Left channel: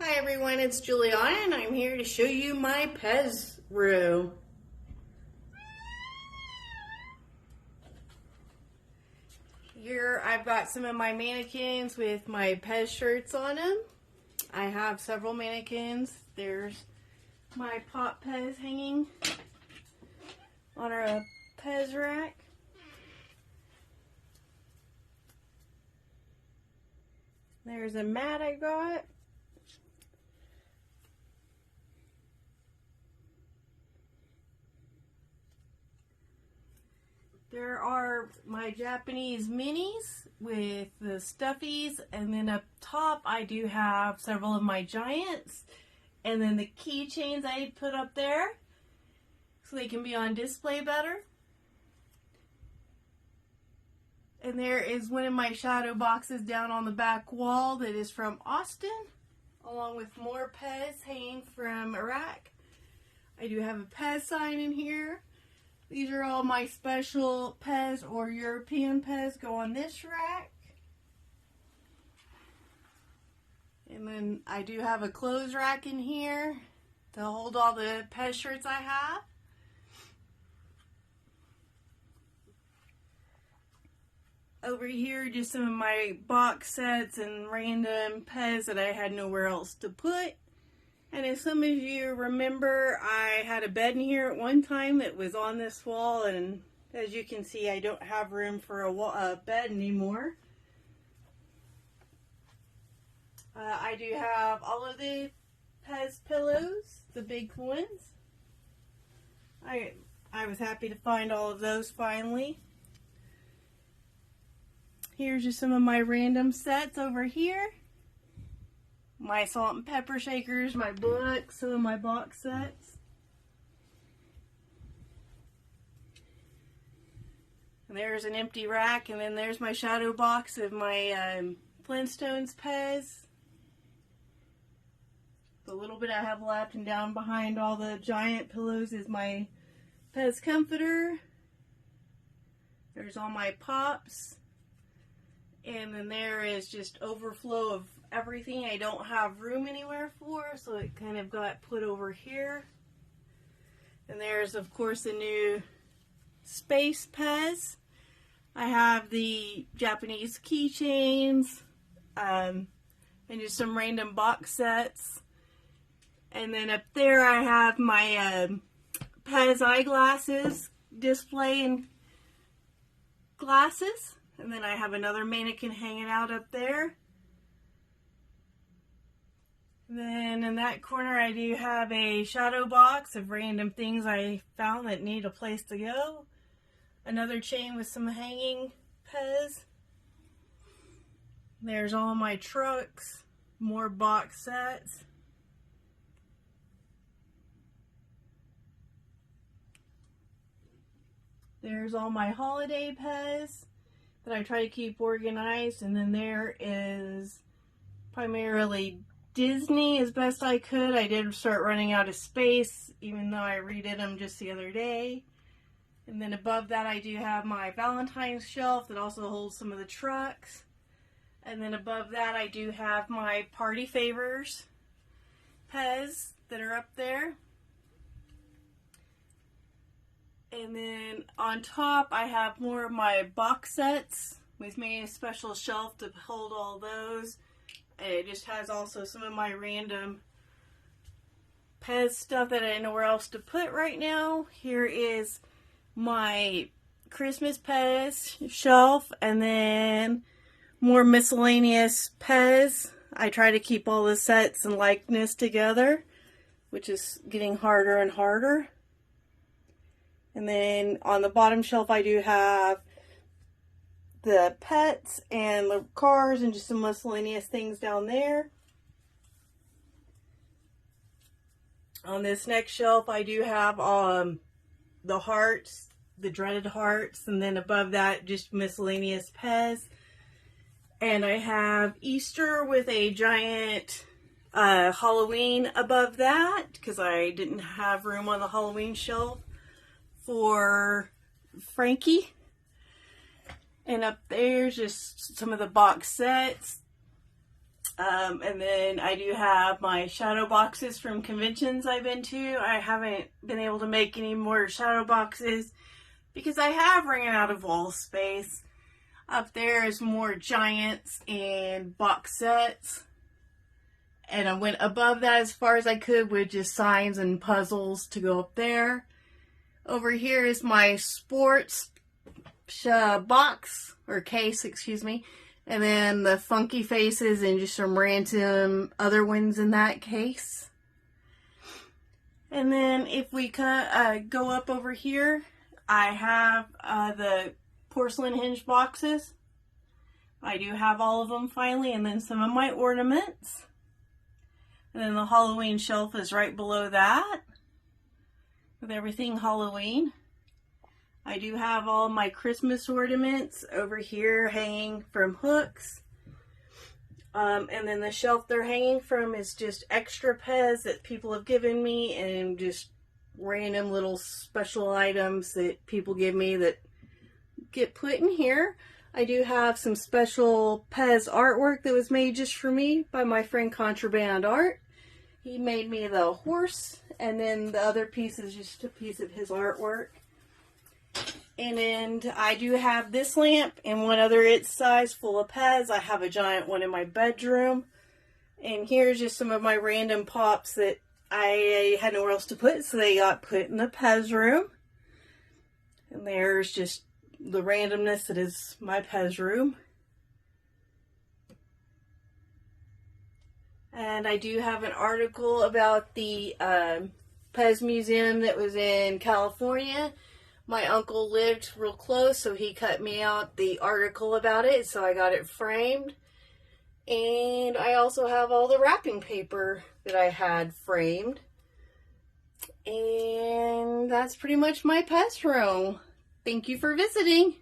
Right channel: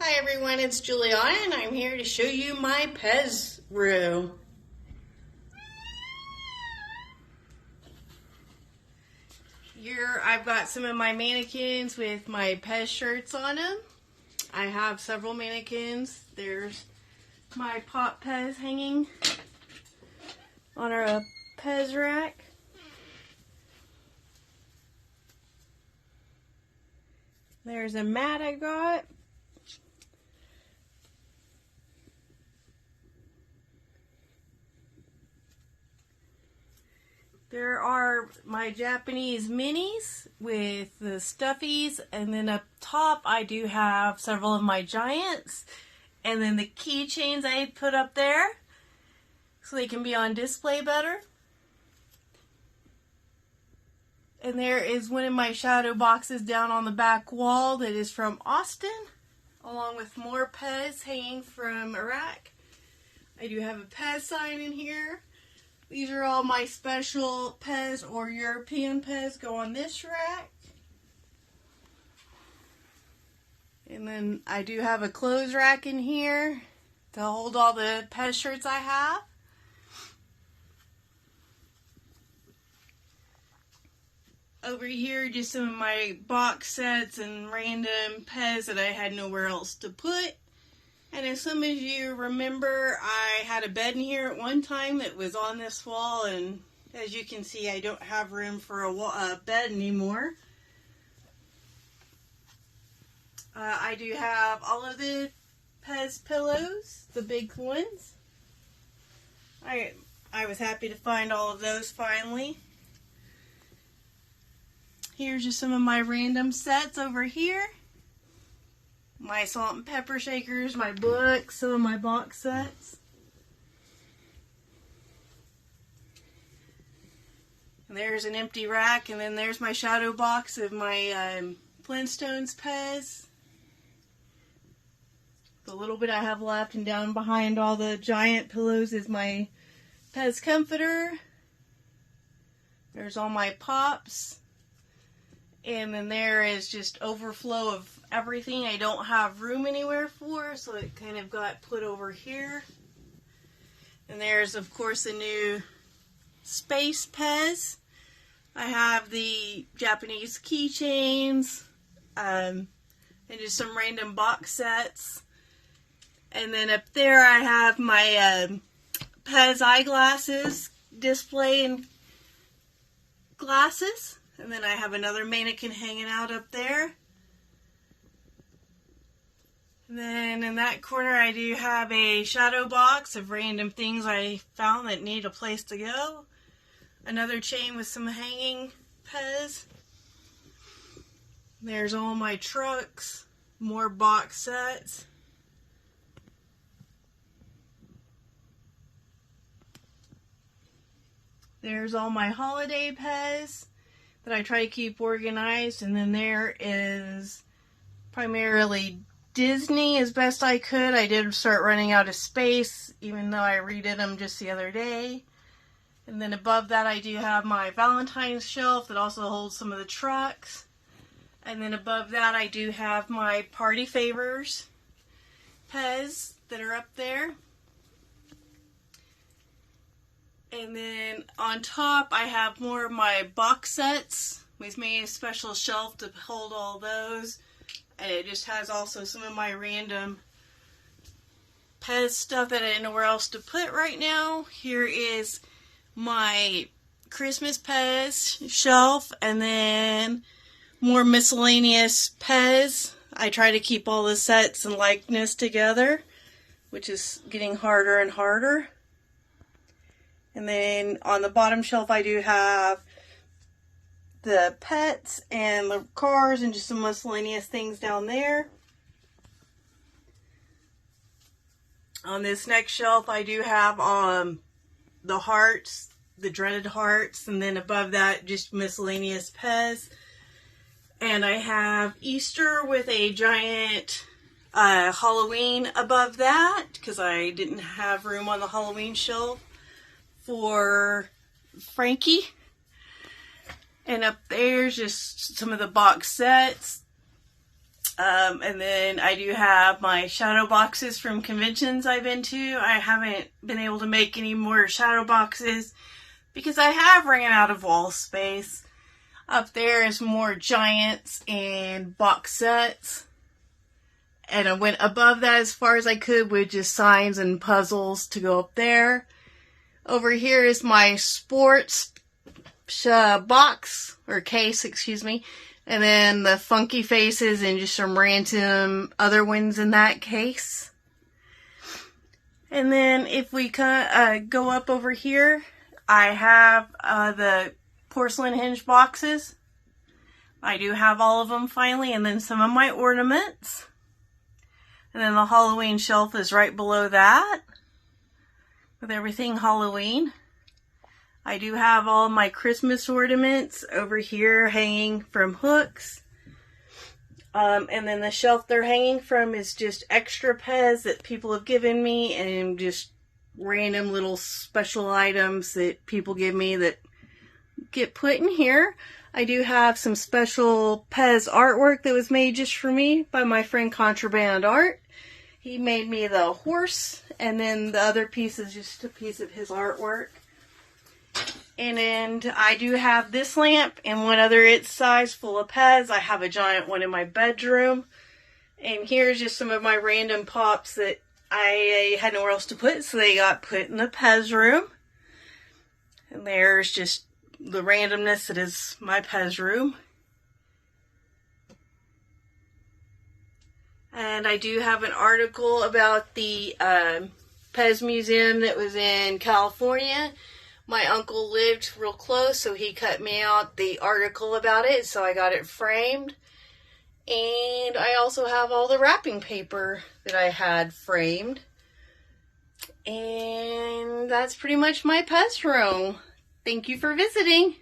Hi everyone, it's Juliana and I'm here to show you my PEZ room. Here I've got some of my mannequins with my PEZ shirts on them. I have several mannequins. There's my pop PEZ hanging on our PEZ rack. There's a mat I got. There are my Japanese minis with the stuffies, and then up top I do have several of my giants, and then the keychains I put up there so they can be on display better. And there is one of my shadow boxes down on the back wall that is from Austin, along with more PEZ hanging from Iraq. I do have a PEZ sign in here. These are all my special PEZ or European PEZ go on this rack. And then I do have a clothes rack in here to hold all the PEZ shirts I have. Over here, just some of my box sets and random PEZ that I had nowhere else to put. And as some of you remember, I had a bed in here at one time that was on this wall, and as you can see, I don't have room for a bed anymore. I do have all of the PEZ pillows, the big ones. I was happy to find all of those finally. Here's just some of my random sets over here. My salt and pepper shakers, my books, some of my box sets. And there's an empty rack, and then there's my shadow box of my Flintstones PEZ. The little bit I have left, and down behind all the giant pillows is my PEZ comforter. There's all my pops. And then there is just overflow of everything I don't have room anywhere for, so it kind of got put over here. And there's, of course, the new space PEZ. I have the Japanese keychains, and just some random box sets. And then up there I have my PEZ eyeglasses, display and glasses. And then I have another mannequin hanging out up there. And then in that corner I do have a shadow box of random things I found that need a place to go. Another chain with some hanging PEZ. There's all my trucks, more box sets. There's all my holiday PEZ that I try to keep organized, and then there is primarily Disney as best I could. I did start running out of space, even though I redid them just the other day. And then above that I do have my Valentine's shelf that also holds some of the trucks. And then above that I do have my Party Favors PEZ that are up there. And then on top I have more of my box sets. We've made a special shelf to hold all those. And it just has also some of my random PEZ stuff that I don't know where else to put right now. Here is my Christmas PEZ shelf, and then more miscellaneous PEZ. I try to keep all the sets and likeness together, which is getting harder and harder. And then on the bottom shelf I do have the pets and the cars and just some miscellaneous things down there. On this next shelf I do have the hearts, the dreaded hearts, and then above that just miscellaneous PEZ. And I have Easter with a giant Halloween above that because I didn't have room on the Halloween shelf for Frankie. And up there's just some of the box sets. And then I do have my shadow boxes from conventions I've been to. I haven't been able to make any more shadow boxes because I have ran out of wall space. Up there is more giants and box sets. And I went above that as far as I could with just signs and puzzles to go up there. Over here is my sports box, or case, excuse me. And then the funky faces and just some random other ones in that case. And then if we go up over here, I have the porcelain hinge boxes. I do have all of them finally, and then some of my ornaments. And then the Halloween shelf is right below that with everything Halloween. I do have all my Christmas ornaments over here hanging from hooks. And then the shelf they're hanging from is just extra PEZ that people have given me, and just random little special items that people give me that get put in here. I do have some special PEZ artwork that was made just for me by my friend Contraband Art. He made me the horse, and then the other piece is just a piece of his artwork. And then I do have this lamp and one other its size full of PEZ. I have a giant one in my bedroom. And here's just some of my random pops that I had nowhere else to put, so they got put in the PEZ room. And there's just the randomness that is my PEZ room. And I do have an article about the PEZ museum that was in California. My uncle lived real close, so he cut me out the article about it, so I got it framed. And I also have all the wrapping paper that I had framed. And that's pretty much my PEZ room. Thank you for visiting.